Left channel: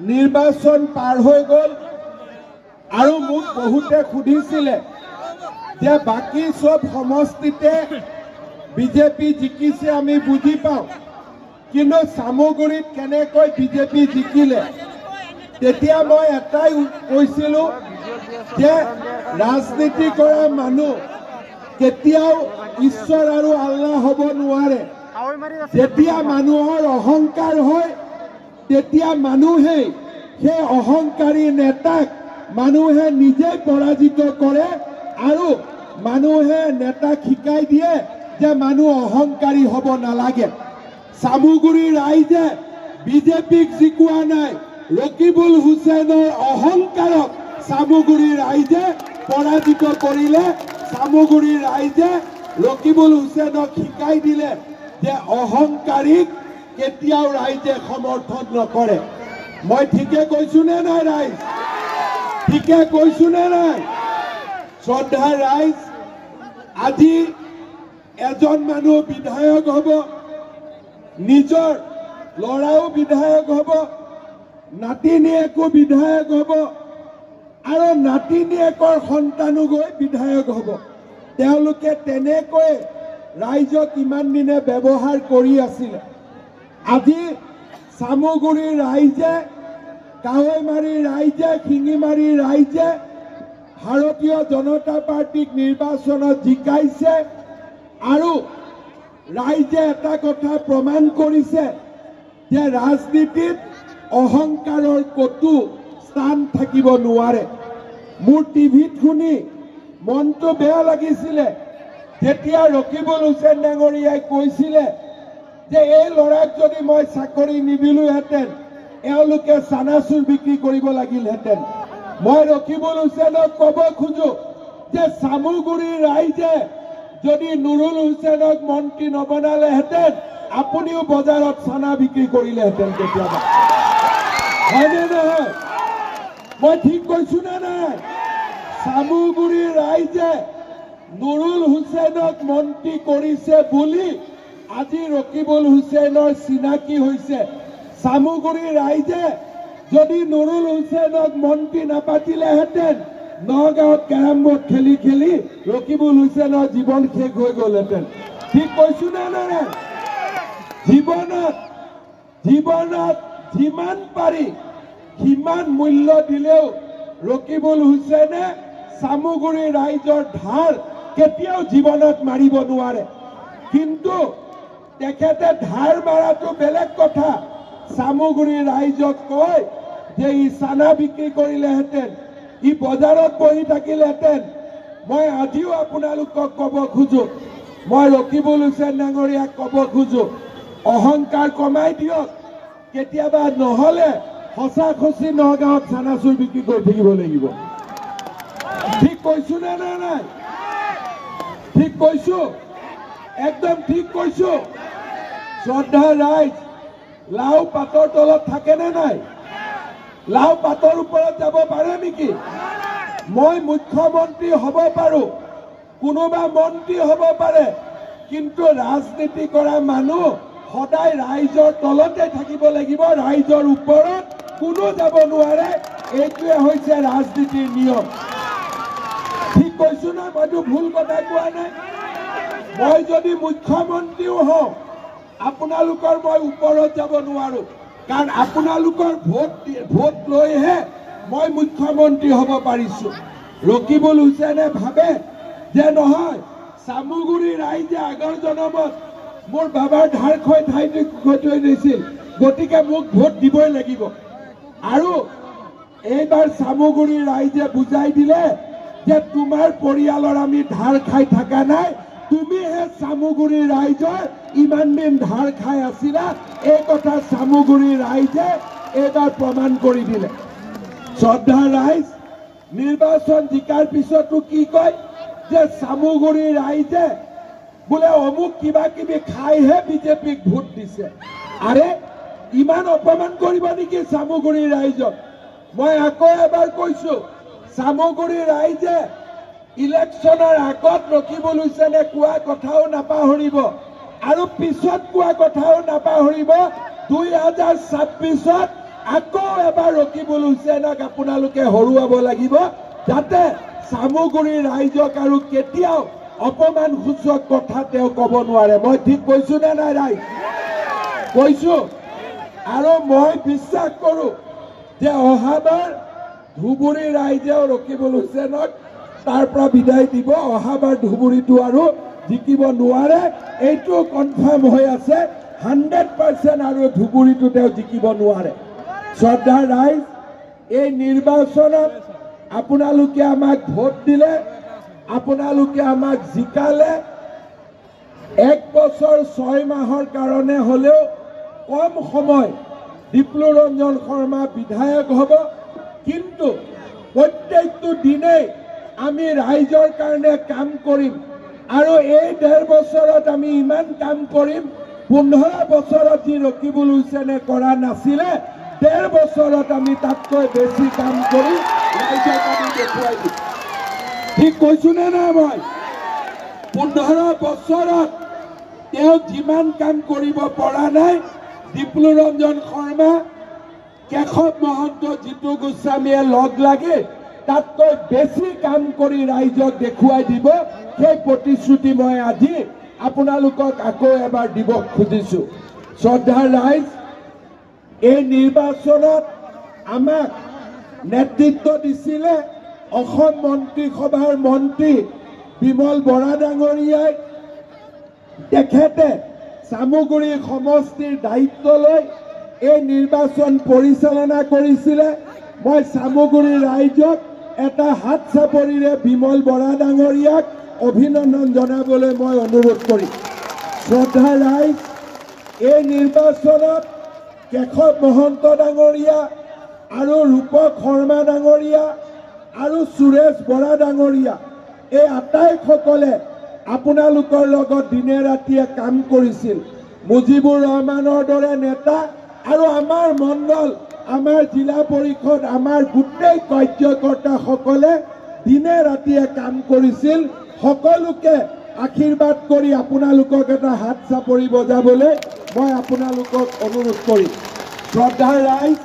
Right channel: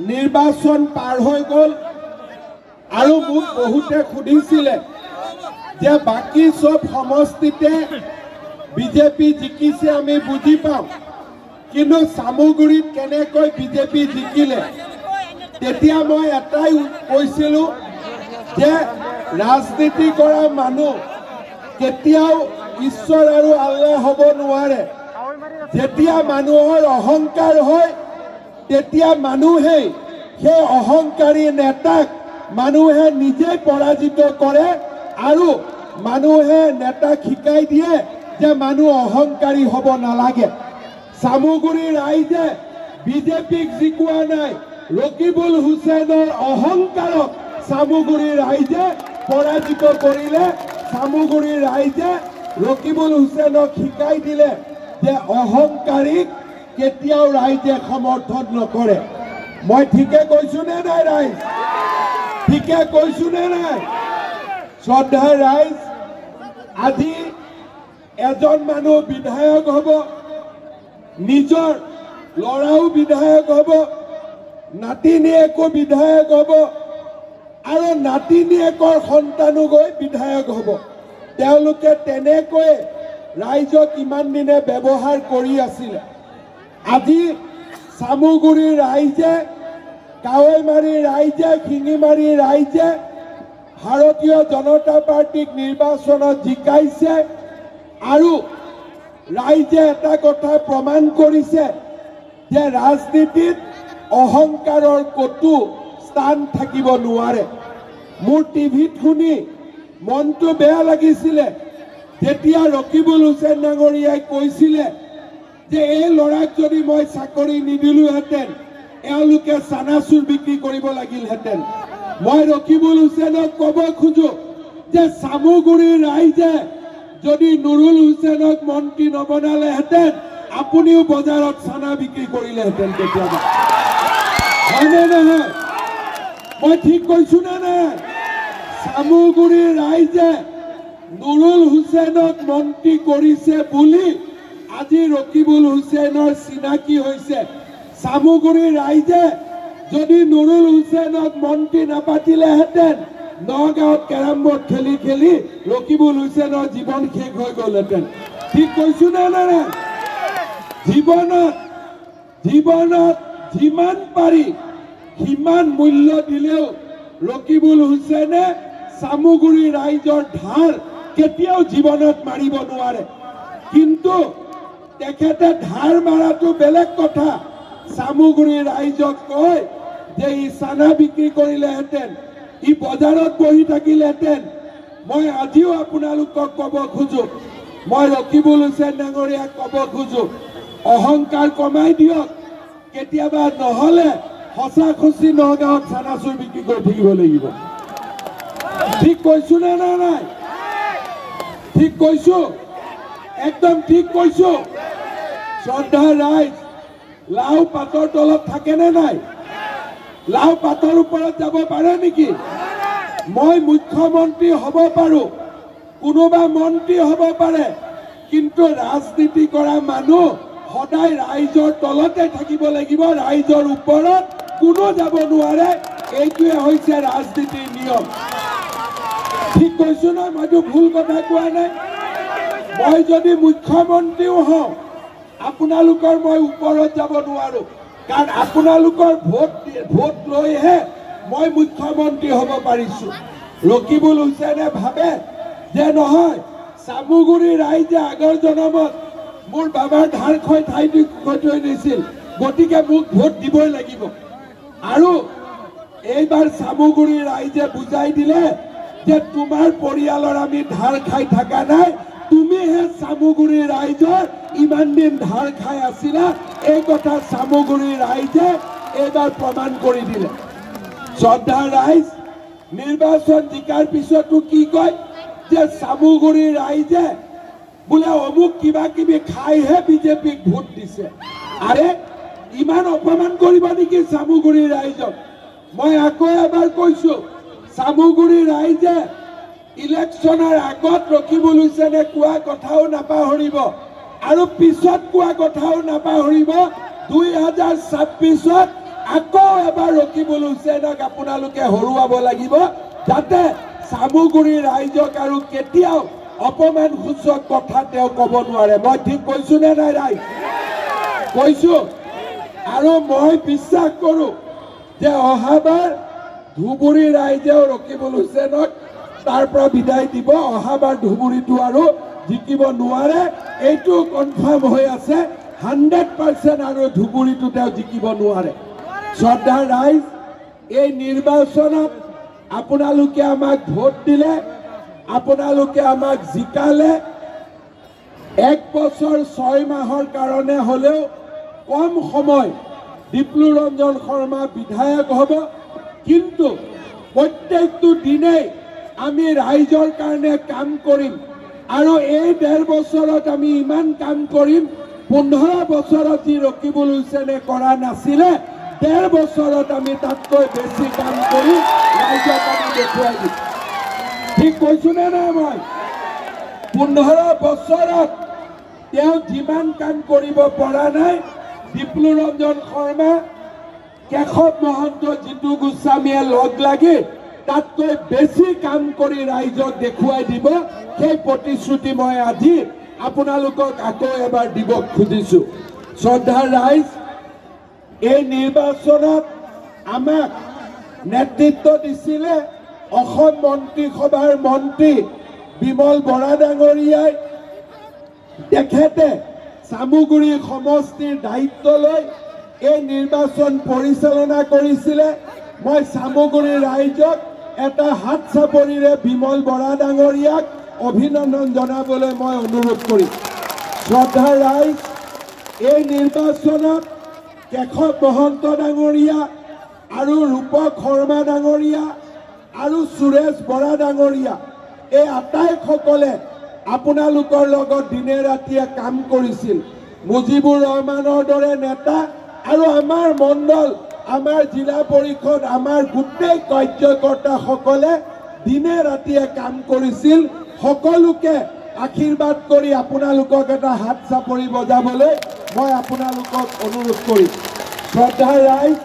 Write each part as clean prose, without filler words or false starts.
নিৰ্বাচন পাৰ হৈ গ'ল আৰু মোক বহুতে সুধিছিলে যে বাকি সব সমষ্টিতে বিজেপি জিকিছে আমি বুজি পাওঁ কিন্তু সামগুৰিত কেনেকৈ বিজেপি জিকিলে তেতিয়া মই এটাই কৈছিলোঁ যে ৰাজনীতি কৰা মানুহ কেতিয়াও ঈশ্বৰ আৰু আল্লাহ হ'ব নোৱাৰে যেতিয়া মানুহৰ অহংকাৰ হয় তেতিয়া মানুহে সেই অহংকাৰী নেতাক মানুহে নিজেই পৰাজিত কৰে আৰু মানুহে নেতাক শিকাই দিয়ে যে মানুহ অহংকাৰী হ'ব নালাগে সামগুৰি ৰাইজে বিজেপিক জিকোৱা নাই ৰকিবুল হুছেইনৰ অহংকাৰক সামগুৰি ৰাইজে পৰাজিত কৰিলে সামগুৰি ৰাইজে ৰকিবুল হুছেইনক শিকাই দিলে যে অহংকাৰীক কেতিয়াও ৰাইজে সমৰ্থন নকৰে মই ঠিকে কৈছো নে নাই ৰাইজ ঠিকে কৈছো নে নাই শ্ৰদ্ধা ৰাইজ আজি এজন মানুহ বিধায়ক হ'ব নিজৰ লৰাও বিধায়ক হ'ব নাতিনীয়েকো বিধায়ক হ'ব আৰু নাতিনীয়েকৰ সন্তানো গৈ বিধায়ক হ'ব তেওঁলোকে তেনেকৈ ৰাইজক ইমান দিনে ব্যৱহাৰ কৰি আছিল আজি সামগুৰি ৰাইজে কাৱৈমাৰী ৰাইজে শিঙিমাৰী ৰাইজে ভাৰতীয় জনতা পাৰ্টিক নিৰ্বাচনত জিকাইছে আৰু ৰাইজে এটা কথা প্ৰমাণ কৰিছে যে ৰাজনীতিত অহংকাৰৰ কতো স্থান থাকিব নোৱাৰে মোৰ টিভিত শুনি মনটো বেয়া লাগিছিলে যেতিয়া ৰকিবুল হুছেইন ডাঙৰীয়াই কৈছিলে যে এই লৰাক যদি মই চাকৰি নিদিলোহেঁতেন এওঁলোকে চানাচুৰ বিক্ৰী কৰিব লাগিলহেঁতেন মই ৰকিবুল হুছেইনক ক'ব খোজো যে সামগুৰি ৰাইজে যদি নুৰুল হুছেইনক মন্ত্ৰী নবনালেহেঁতেন আপুনিও বজাৰত চানা বিক্ৰী কৰিলেহেঁতেন কেতিয়াবা হয়নে নহয় মই ঠিক কৈছো নে নাই সামগুৰি ৰাইজে নুৰুল হুছেইনক মন্ত্ৰী কৰিছে বুলি আজি ৰকিবুল হুছেইনৰ চিনাকি হৈছে সামগুৰি ৰাইজে যদি নুৰুল হুছেইনক মন্ত্ৰী নাপাতিলেহেঁতেন নগাঁৱত কেৰম বোৰ্ড খেলি খেলি ৰকিবুল হুছেইনৰ জীৱন শেষ হৈ গ'লহেঁতেন ঠিক কৈছো নে নাই জীৱনত যিমান পাৰি সিমান মূল্য দিলেও ৰকিবুল হুছেইনে সামগুৰি ৰাইজৰ ধাৰ কেতিয়াও জীৱনত মাৰিব নোৱাৰে কিন্তু তেখেতে ধাৰ মাৰাটো বেলেগ কথা সামগুৰি ৰাইজক কয় যে ই চানা বিক্ৰী কৰিলেহেঁতেন ই বজাৰত বহি থাকিলেহেঁতেন মই আজিও আপোনালোকক ক'ব খোজো মই ৰকিবুল হুছেইন ডাঙৰীয়াক ক'ব খোজো অহংকাৰ কমাই দিয়ক কেতিয়াবা নহ'লে সঁচা খচি নগাঁৱত চানাচুৰ বিক্ৰী কৰি থাকিব লাগিব ঠিক কৈছো নে নাই ঠিক কৈছো একদম ঠিক কৈছো শ্ৰদ্ধা ৰাইজ লাও পাতৰ তলত থাকে নে নাই লাও পাতৰ ওপৰত যাব পাৰে নেকি মই মুখ্যমন্ত্ৰী হ'ব পাৰো কোনোবা মন্ত্ৰী হ'ব পাৰে কিন্তু ৰাজনীতি কৰা মানুহ সদায় ৰাইজৰ তলতে থাকিব লাগিব ৰাইজৰ ওপৰত কোনো যাব নোৱাৰে এইটোৱে হৈছে ৰাজনীতিৰ নিয়ম ঠিক কৈছো না মইতো ভুল কথা কোৱা নাই মই যদি মুখ্যমন্ত্ৰীও হওঁ আপোনালোকৰ মই ওপৰত যাব নোৱাৰো কাৰণ আপোনালোকৰ ভোট লৈহে মই মুখ্যমন্ত্ৰী হ'ব পাৰিছো ৰকিবুল হুছেইনে ভাবে যে নহয় সামগুৰি ৰাইজে আগৰ জনমত মোৰ বাবাৰ ধাৰ খৈ ঠাইটো থৈ দিছিল গতিকে মোক ভোট দিবই লাগিব আৰু এইবাৰ সামগুৰি ৰাইজে বুজাই দিলে যে তোমাৰ পৰিয়ালৰ আমি ধাৰ খাই থকা নাই তুমিহে সামগুৰি ৰাইজৰ ইমান দিন ধাৰ খাই আছিলা এই কথা সামগুৰি ৰাইজে এইবাৰ প্ৰমাণ কৰি দিলে শ্ৰদ্ধা ৰাইজ নিৰ্বাচন জিকাৰ পিছতো কি কয় যে সামগুৰি ৰাইজে বোলে অমুক কিবা কিবি খাইহে বিজেপিক ভোট দিছে আৰে ইমান অপমান কৰিব নেকি সামগুৰি ৰাইজক মই আকৌ এবাৰ কৈছো সামগুৰি ৰাইজে ইলেকশ্যনৰ আগত ৰকিবুল হুছেইনে কোৱা কথাও নাপাহৰিব আৰু পিছত কোৱা কথাও নাপাহৰিব 2026ত আকৌ এবাৰ ৰকিবুল হুছেইনক আপোনালোকে হৰুৱাব লাগিব, যাতে চামুগুৰিৰ ৰাইজক আৰু কেতিয়াও অপমানসূচক কথা তেওঁ ক'ব নোৱাৰে। মই ঠিক কৈছো নে নাই ৰাইজ? কৈছো। আৰু মই বিশ্বাস কৰো যে অহাবাৰ ধুবুৰী ৰাইজেও ৰকিবুল হুছেইনক তাৰ পৰা বিদায় দিব। অহাবাৰ ধুবুৰীটো আৰু জিকিব নোৱাৰে, এইটো কনফাৰ্ম হৈ আছে 100%। আৰু ধুবুৰীটো তেওঁ জিকিব নোৱাৰে। শ্ৰদ্ধা ৰাইজ, এই নিৰ্বাচনত আপোনালোকে আমাক ভোট দিলে, আপোনালোকে আমাক জিকালে। 1 বছৰ 6 মাহৰ কাৰণে হলেও কম সময় ডিপ্লু ৰঞ্জন শৰ্মা বিধায়ক হ'ব, কিন্তু প্ৰত্যেকটো দিনেই আমি ৰাইজৰ কাৰণে কাম কৰিম। আৰু এই 1.5 বছৰত আমি ইমান কাম কৰিম, 15 বছৰত যি ৰকিবুল হুছেইনে কৰা নাছিলে, 1.5 বছৰত আমি তাতকৈ বেছি কাম কৰি ৰাইজক আমি দেখুৱাই দিম। ঠিক কৈছো নে নাই? মই 15 বছৰত তেওঁ যিমান কাম কৰিব পৰা নাই, ডিপ্লু ৰঞ্জন শৰ্মা, কেশৱ মহন্ত, জিতু গোস্বামীয়ে লগ লাগি তাতকৈ বেছি কাম কৰি ৰাইজক দেখুৱাই দিব। সেই প্ৰতিশ্ৰুতি মই আজি আপোনালোকক আকৌ এবাৰ দিব খুজিছো। শ্ৰদ্ধা ৰাইজ, এই নিৰ্বাচনত আমাক নেতৃত্ব দিছিলে অসম মন্ত্ৰীসভাৰ মন্ত্ৰী বিমল বৰা ডাঙৰীয়াই। তেখেতে চামুগুৰি সমষ্টিৰ দায়িত্ব লৈ এই নিৰ্বাচন পৰিচালনা কৰিছিলে। মই চামুগুৰি ৰাইজক এটা হাত চাপৰিৰে বিমল বৰা ডাঙৰীয়াক অভিনন্দন জনাবলৈ মই অনুৰোধ কৰিম। শ্ৰদ্ধা ৰাইজ, এই নিৰ্বাচনত কেশৱ মহন্ত ডাঙৰীয়া আৰু ৰূপক শৰ্মা ডাঙৰীয়া আৰু সুৰেশ বৰা ডাঙৰীয়া, এই আটাইসকলে আপোনালোকৰ লগত দিনে ৰাতিয়ে কাম কৰিছিল। মুজিবুৰ ৰহমানৰ দৰে নেতা আৰু আমাৰ মণ্ডল, আমাৰ জিলা পৰিষদ, আমাৰ গোটেই কাৰ্যকৰ্তাসকলে দিনে ৰাতিয়ে কাম কৰিছিল। সকলোকে আশীৰ্বাদ কৰি আপোনালোকক এটা হাত চাপৰি বজাবলৈ মই আপোনালোকক অনুৰোধ কৰিম। শ্ৰদ্ধা ৰাইজ,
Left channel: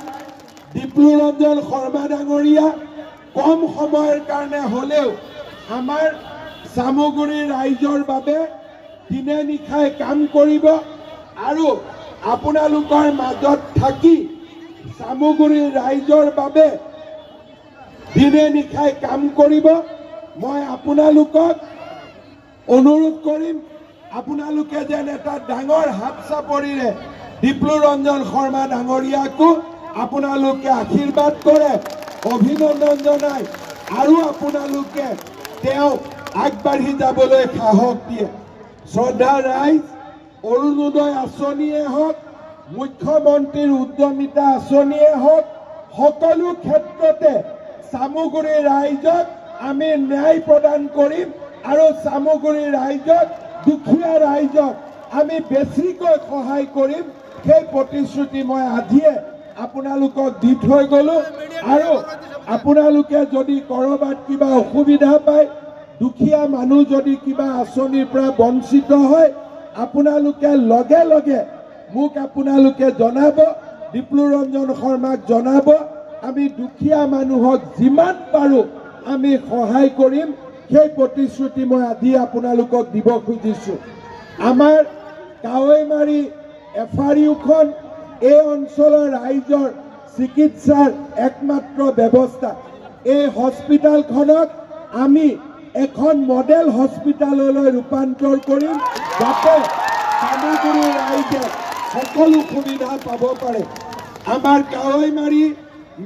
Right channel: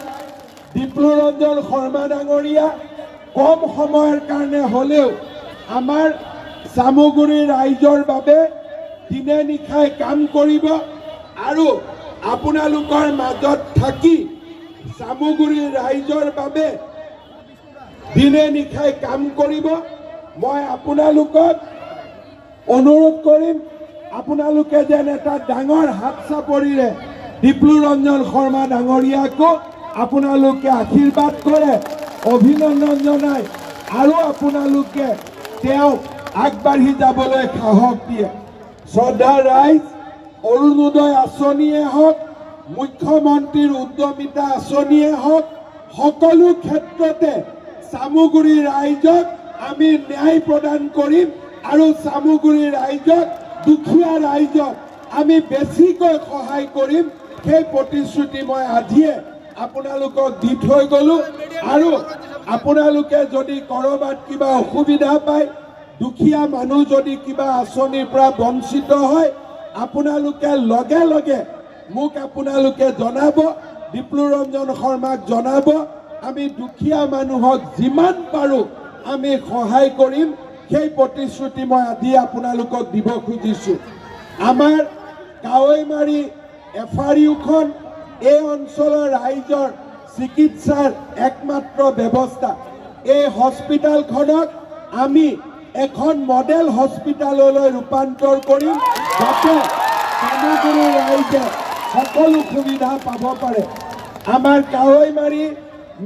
ডিপ্লু ৰঞ্জন শৰ্মা ডাঙৰীয়া কম সময়ৰ কাৰণে হলেও আমাৰ চামুগুৰি ৰাইজৰ বাবে দিনে নিশাই কাম কৰিব আৰু আপোনালোকৰ মাজত থাকি চামুগুৰি ৰাইজৰ বাবে দিনে নিশাই কাম কৰিব। মই আপোনালোকক অনুৰোধ কৰিম, আপোনালোকে যেন এটা ডাঙৰ হাত চাপৰিৰে ডিপ্লু ৰঞ্জন শৰ্মা ডাঙৰীয়াকো আপোনালোকে আশীৰ্বাদ কৰে, অভিনন্দন জনায় আৰু আপোনালোকে তেওঁক আগবাঢ়ি যাবলৈ সাহস দিয়ে। শ্ৰদ্ধা ৰাইজ, অৰুণোদয় আঁচনিয়ে হওক, মুখ্যমন্ত্ৰীৰ উদ্যমিতা আঁচনিয়ে হওক, সকলো ক্ষেত্ৰতে চামুগুৰি ৰাইজক আমি ন্যায় প্ৰদান কৰিম আৰু চামুগুৰি ৰাইজক, দুখীয়া ৰাইজক আমি বেছিকৈ সহায় কৰিম। সেই প্ৰতিশ্ৰুতি মই আজিয়ে আপোনালোকক দি থৈ গলো। আৰু আপোনালোকে যদি কৰবাত কিবা অসুবিধা পায়, দুখীয়া মানুহ যদি কিবা আঁচনিৰ পৰা বঞ্চিত হয়, আপোনালোকে লগে লগে মোক আপোনালোকে জনাব, ডিপ্লু ৰঞ্জন শৰ্মাক জনাব। আমি দুখীয়া মানুহক যিমান পাৰো আমি সহায় কৰিম। সেই প্ৰতিশ্ৰুতি মই আজি আপোনালোকক দিব খুজিছো। আমাৰ কাৱৈমাৰী এফআৰইউখন এই অঞ্চলৰ ৰাইজৰ চিকিৎসাৰ একমাত্ৰ ব্যৱস্থা। এই হস্পিটেলখনক আমি এখন মডেল হস্পিটেললৈ ৰূপান্তৰ কৰিম, যাতে চামুগুৰি ৰাইজে সকলো সুবিধা পাব পাৰে। আমাৰ কাৱৈমাৰী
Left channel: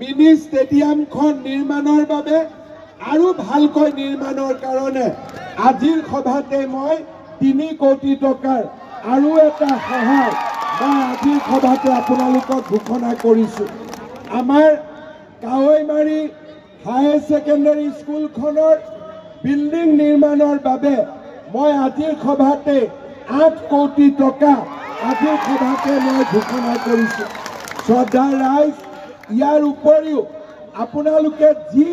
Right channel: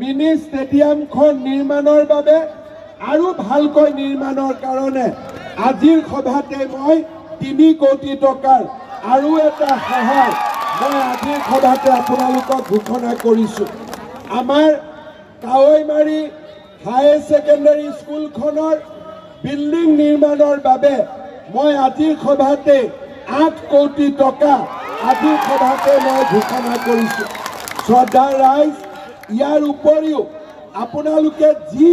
মিনি ষ্টেডিয়ামখন নিৰ্মাণৰ বাবে আৰু ভালকৈ নিৰ্মাণৰ কাৰণে আজিৰ সভাতে মই 3 কোটি টকাৰ আৰু এটা সহায় মই আজিৰ সভাতে আপোনালোকক ঘোষণা কৰিছো। আমাৰ কাৱৈমাৰী হায়াৰ ছেকেণ্ডাৰী স্কুলখনৰ বিল্ডিং নিৰ্মাণৰ বাবে মই আজিৰ সভাতে 8 কোটি টকা আজিৰ সভাতে মই ঘোষণা কৰিছো। শ্ৰদ্ধা ৰাইজ, ইয়াৰ উপৰিও আপোনালোকে যি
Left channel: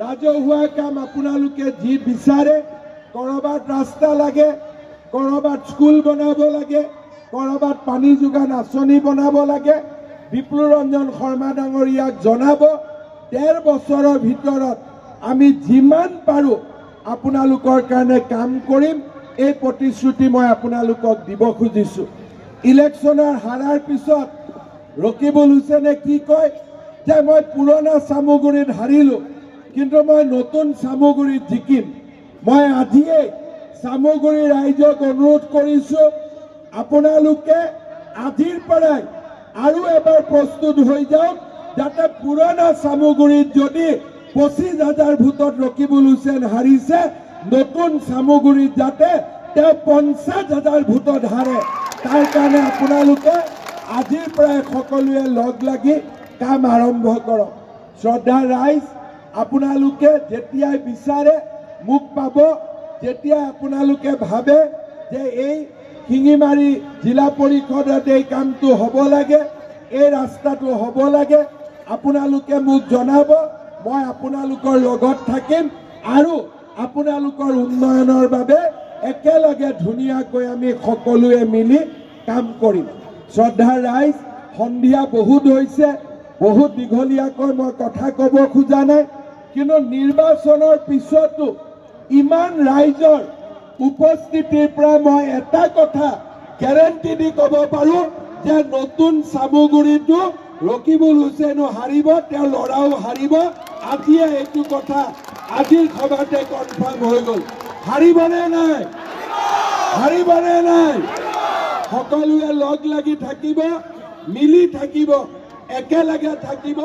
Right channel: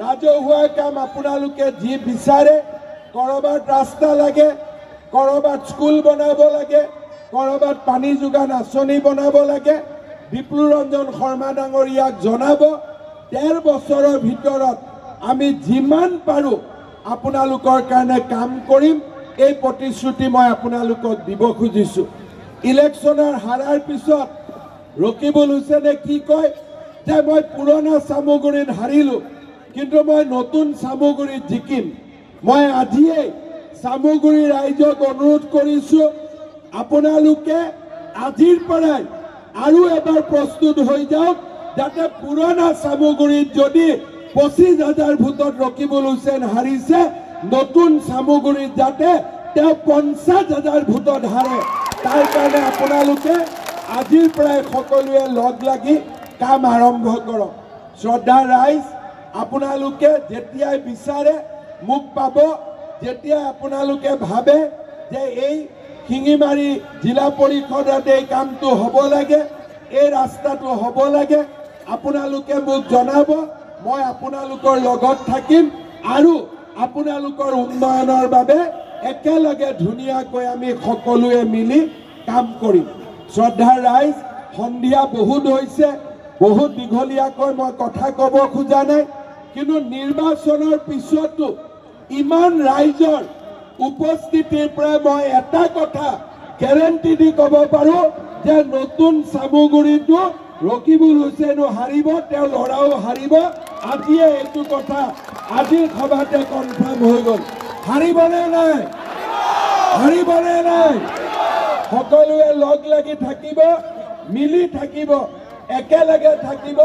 ৰাজহুৱা কাম আপোনালোকে যি বিচাৰে, কৰবাত ৰাস্তা লাগে, কৰবাত স্কুল বনাব লাগে, কৰবাত পানী যোগান আঁচনি বনাব লাগে, বিপ্লৱ ৰঞ্জন শৰ্মা ডাঙৰীয়াক জনাব ১.৫ বছৰৰ ভিতৰত আমি যিমান পাৰোঁ আপোনালোকৰ কাৰণে কাম কৰিম। এই প্ৰতিশ্ৰুতি মই আপোনালোকক দিব খুজিছোঁ। ইলেকশ্যনৰ হাৰাৰ পিছত ৰকিবুল হুছেইনে কি কয় যে মই পুৰণা চামগুৰিত হাৰিলোঁ, কিন্তু মই নতুন চামগুৰিত জিকিম। মই আজিয়েই চামগুৰি ৰাইজক অনুৰোধ কৰিছোঁ, আপোনালোকে আজিৰ পৰাই আৰু এবাৰ প্ৰস্তুত হৈ যাওক, যাতে পুৰণা চামগুৰিত যদি ২৫,০০০ ভোটত ৰকিবুল হুছেইন হাৰিছে, নতুন চামগুৰিত যাতে তেওঁ ৫০,০০০ ভোটত হাৰে। তাৰ কাৰণে আপোনালোকে আজিৰ পৰাই সকলোৱে লগ লাগি কাম আৰম্ভ কৰক। শ্ৰদ্ধা ৰাইজ, আপোনালোকে যেতিয়াই বিচাৰে মোক পাব, যেতিয়া আপোনালোকে ভাবে যে এই শিঙিমাৰী জিলা পৰিষদত এই কামটো হ'ব লাগে, এই ৰাস্তাটো হ'ব লাগে, আপোনালোকে মোক জনাব। মই আপোনালোকৰ লগত থাকিম আৰু আপোনালোকৰ উন্নয়নৰ বাবে একেলগে ধুনীয়াকৈ আমি সকলোৱে মিলি কাম কৰিম। শ্ৰদ্ধা ৰাইজ, সন্ধিয়া বহুত হৈছে, বহুত দীঘলীয়াকৈ মই কথা ক'ব খোজা নাই, কিন্তু নিৰ্বাচনৰ পিছতো ইমান ৰাইজৰ উপস্থিতিৰ পৰা মই এটা কথা গেৰাণ্টি দি ক'ব পাৰোঁ যে নতুন চামগুৰিতো ৰকিবুল হুছেইনো হাৰিব, তেওঁৰ ল'ৰাও হাৰিব। আজিয়ে এইটো কথা আজিৰ সভাতে কনফাৰ্ম হৈ গ'ল। হাৰিবনে নাই? হাৰিবনে নাই? সকলোৱে লগ লাগি থাকিব, মিলি থাকিব, একেলগে থাকিব।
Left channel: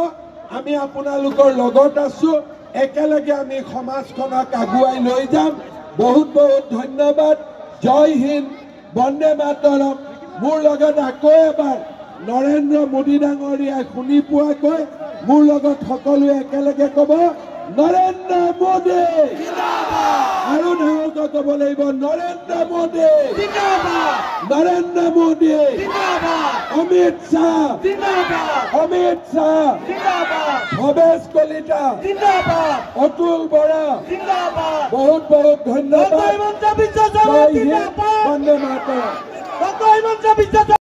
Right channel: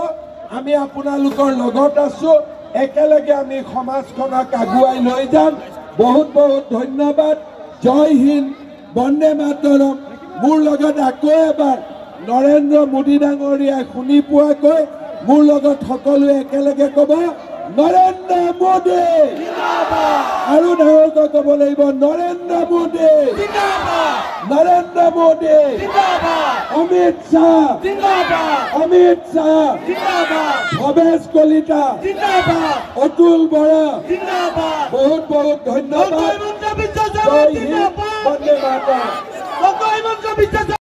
আমি আপোনালোকৰ লগত আছোঁ, একেলগে আমি সমাজখনক আগুৱাই লৈ যাম। বহুত বহুত ধন্যবাদ। জয় হিন্দ, বন্দে মাতৰম। মোৰ লগত আকৌ এবাৰ নৰেন্দ্ৰ মোদী ডাঙৰীয়াই শুনি পোৱাকৈ মোৰ লগত সকলোৱে একেলগে ক'ব, নৰেন্দ্ৰ মোদী আৰু ডাঙৰকৈ ক'ব লাগিব, নৰেন্দ্ৰ মোদী, নৰেন্দ্ৰ মোদী, অমিত শ্বাহ, অমিত শ্বাহ, ভৱেশ কলিতা, অতুল বৰা। বহুত বহুত ধন্যবাদ। জয় হিন্দ, বন্দে মাতৰম।